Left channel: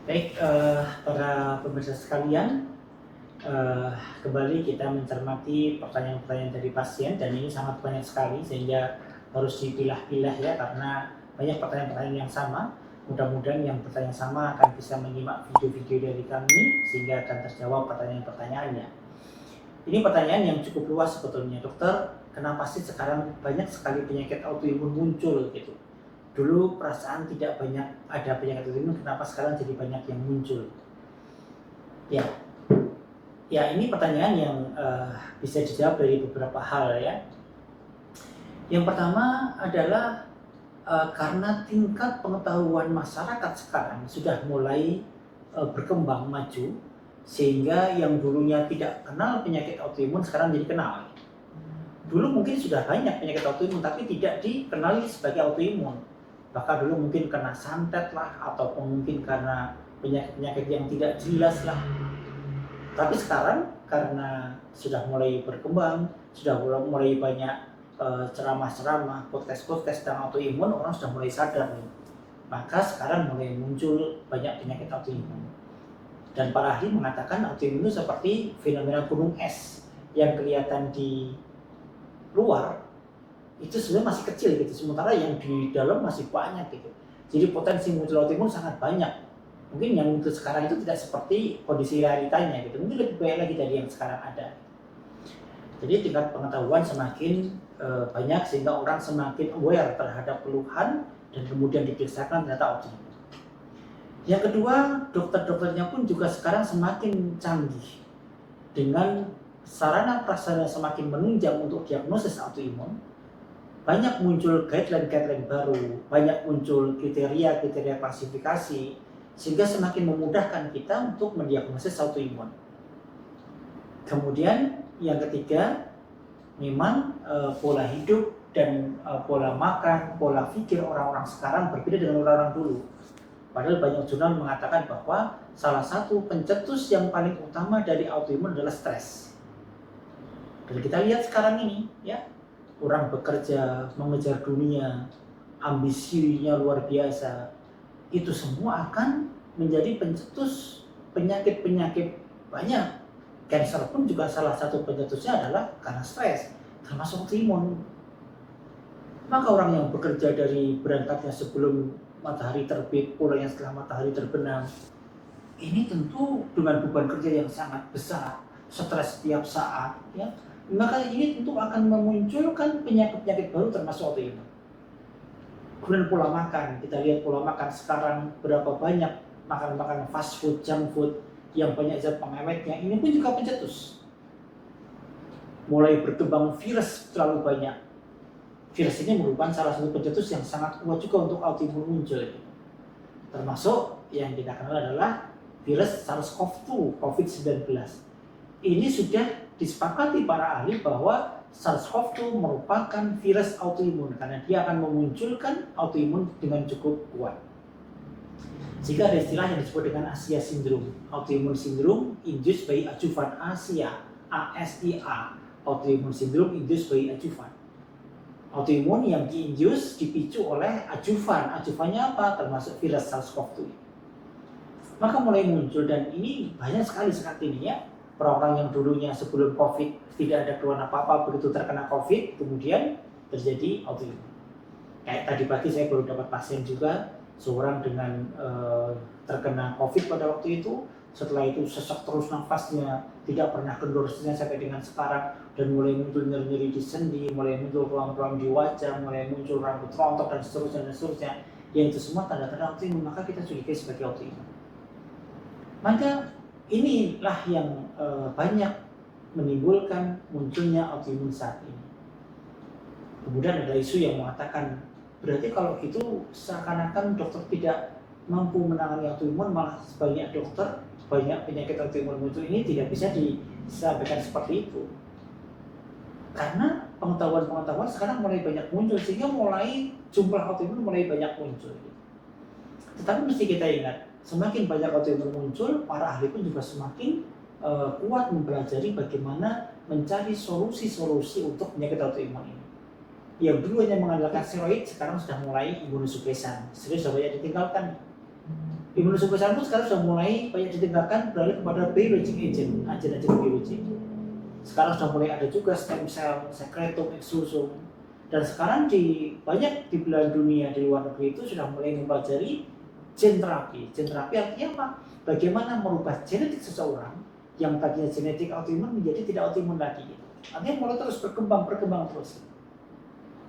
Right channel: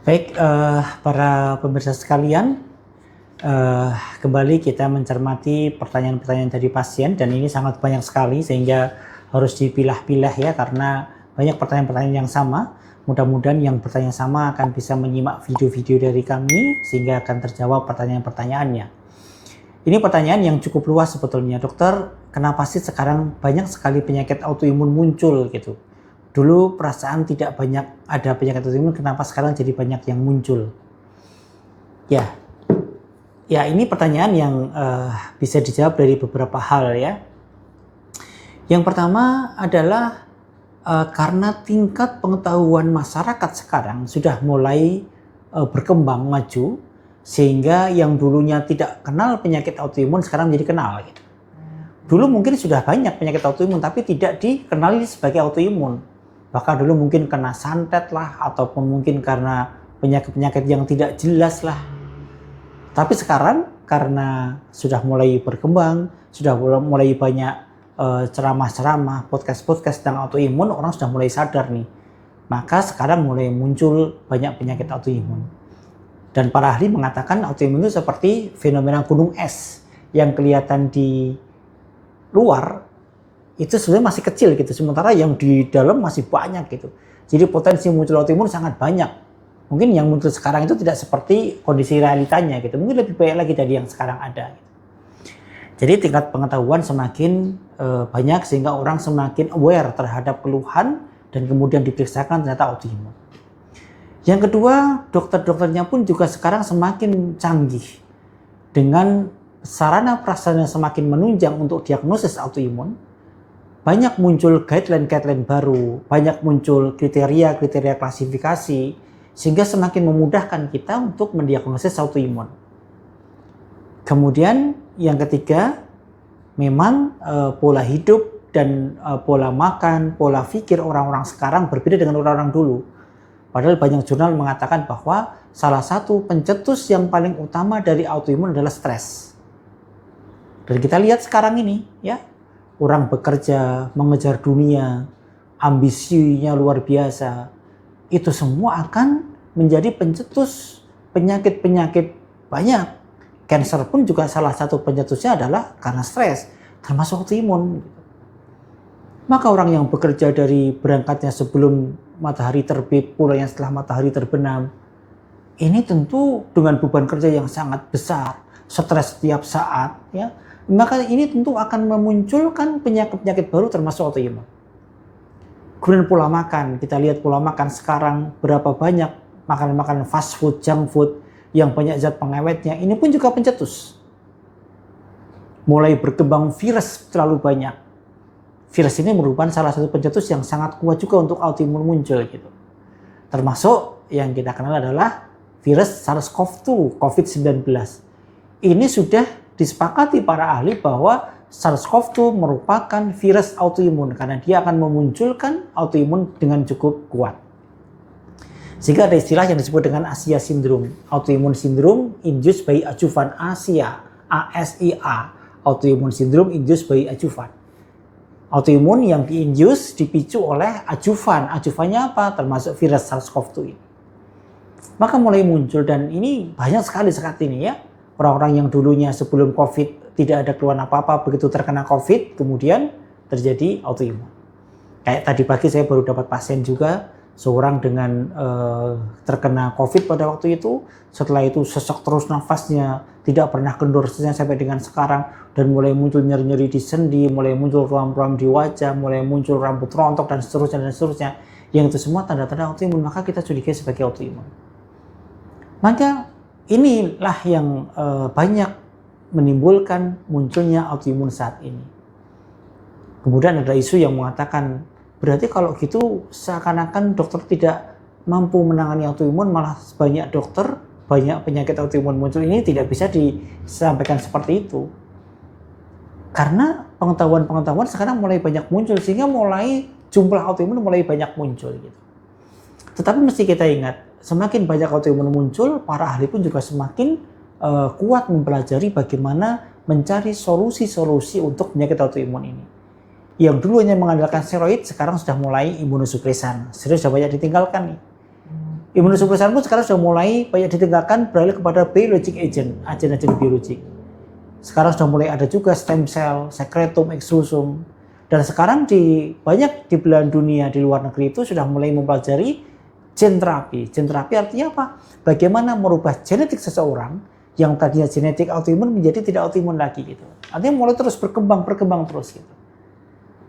Baik, para pemirsa sekalian, eh, kembali kita mencermati pertanyaan-pertanyaan dari pasien dan ini sangat banyak sekali sehingga harus dipilah-pilah ya karena banyak pertanyaan-pertanyaan yang sama. Mudah-mudahan yang bertanya sama akan bisa menyimak video-video dari kami sehingga akan terjawab pertanyaan-pertanyaannya. Ini pertanyaan yang cukup luas sebetulnya, dokter. Kenapa sih sekarang banyak sekali penyakit autoimun muncul gitu? Dulu perasaan tidak banyak ada penyakit autoimun, kenapa sekarang jadi banyak yang muncul? Ya, ya ini pertanyaan yang bisa dijawab dari beberapa hal ya. Yang pertama adalah karena tingkat pengetahuan masyarakat sekarang sudah mulai berkembang maju, sehingga yang dulunya tidak kenal penyakit autoimun sekarang jadi kenal. Gitu. Dulu mungkin sudah banyak penyakit autoimun tapi tidak dikenali sebagai autoimun. Bahkan dulu mungkin kena santet lah, ataupun mungkin karena penyakit-penyakit yang tidak jelas lah. Tapi sekarang karena sudah mulai berkembang, sudah mulai banyak ceramah-ceramah, podcast-podcast tentang autoimun, orang sudah mulai sadar nih. Maka sekarang mulai muncul banyak penyakit autoimun. Dan para ahli mengatakan autoimun itu seperti fenomena gunung es yang kelihatan di luar itu sebenarnya masih kecil gitu, sementara yang di dalam masih banyak gitu. Jadi potensi muncul autoimun sangat banyak. Mungkin yang muncul sekarang itu tidak seperti kondisi realitanya gitu. Mungkin lebih banyak lagi dari yang sekarang ada. Jadi tingkat pengetahuan semakin banyak sehingga orang semakin aware terhadap keluhan dan kemudian diperiksakan ternyata autoimun. Yang kedua, dokter-dokternya pun juga sekarang semakin canggih dengan sarana prasarana yang semakin menunjang untuk diagnosis autoimun. Banyak muncul guideline-guideline baru, banyak muncul kriteria-kriteria klasifikasi, sehingga semakin memudahkan kita untuk mendiagnosis autoimun. Kemudian yang ketiga, memang pola hidup dan pola makan, pola pikir orang-orang sekarang berbeda dengan orang-orang dulu. Padahal banyak jurnal mengatakan bahwa salah satu pencetus yang paling utama dari autoimun adalah stres. Dan kita lihat sekarang ini, ya, orang bekerja, mengejar dunia, ambisinya luar biasa. Itu semua akan menjadi pencetus penyakit-penyakit banyak. Cancer pun juga salah satu pencetusnya adalah karena stres, termasuk autoimun. Maka orang yang bekerja dari berangkatnya sebelum matahari terbit, pulangnya setelah matahari terbenam, ini tentu dengan beban kerja yang sangat besar, stres setiap saat, ya. Maka ini tentu akan memunculkan penyakit-penyakit baru termasuk autoimun. Kemudian pola makan, kita lihat pola makan sekarang berapa banyak makanan-makanan fast food, junk food yang banyak zat pengawetnya, ini pun juga pencetus. Mulai berkembang virus terlalu banyak. Virus ini merupakan salah satu pencetus yang sangat kuat juga untuk autoimun muncul gitu. Termasuk yang kita kenal adalah virus SARS-CoV-2, COVID-19. Ini sudah disepakati para ahli bahwa SARS-CoV-2 merupakan virus autoimun karena dia akan memunculkan autoimun dengan cukup kuat. Sehingga ada istilah yang disebut dengan ASIA syndrome, autoimmune syndrome induced by adjuvant ASIA, ASIA, autoimmune syndrome induced by adjuvant. Autoimun yang diinduce, dipicu oleh adjuvan. Adjuvannya apa? Termasuk virus SARS-CoV-2. Maka mulai muncul dan ini banyak sekali saat ini ya. Orang-orang yang dulunya sebelum COVID tidak ada keluhan apa-apa, begitu terkena COVID kemudian terjadi autoimun. Kayak tadi pagi saya baru dapat pasien juga, seorang dengan terkena COVID pada waktu itu, setelah itu sesak terus nafasnya, tidak pernah kendor sampai dengan sekarang, dan mulai muncul nyeri-nyeri di sendi, mulai muncul ruam-ruam di wajah, mulai muncul rambut rontok dan seterusnya, yang itu semua tanda-tanda autoimun, maka kita curigai sebagai autoimun. Maka inilah yang banyak menimbulkan munculnya autoimun saat ini. Kemudian ada isu yang mengatakan, berarti kalau gitu seakan-akan dokter tidak mampu menangani autoimun, malah banyak dokter, banyak penyakit autoimun muncul, ini tidak bisa disampaikan seperti itu. Karena pengetahuan sekarang mulai banyak muncul, sehingga mulai jumlah autoimun mulai banyak muncul. Gitu. Tetapi mesti kita ingat, semakin banyak autoimun muncul, para ahli pun juga semakin kuat mempelajari bagaimana mencari solusi-solusi untuk penyakit autoimun ini. Yang dulunya mengandalkan steroid, sekarang sudah mulai imunosupresan. Steroid sudah banyak ditinggalkan nih. Imunosupresan pun sekarang sudah mulai banyak ditinggalkan beralih kepada biologic agent, agen-agen biologik. Sekarang sudah mulai ada juga stem cell, secretum, exosome. Dan sekarang banyak di belahan dunia di luar negeri itu sudah mulai mempelajari gen terapi. Gen terapi artinya apa? Bagaimana merubah genetik seseorang yang tadinya genetik autoimun menjadi tidak autoimun lagi gitu. Artinya mulai terus berkembang terus gitu.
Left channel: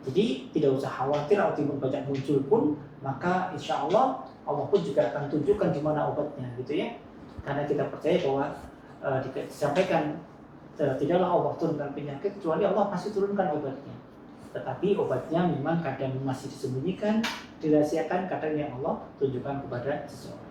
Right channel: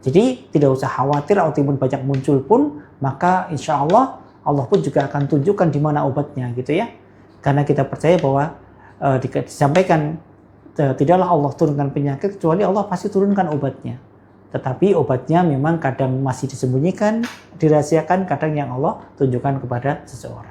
Jadi tidak usah khawatir autoimun banyak muncul pun, maka insya Allah pun juga akan tunjukkan di mana obatnya gitu ya. Karena kita percaya bahwa disampaikan tidaklah Allah turunkan penyakit kecuali Allah pasti turunkan obatnya. Tetapi obatnya memang kadang masih disembunyikan, dirahasiakan, kadang yang Allah tunjukkan kepada seseorang.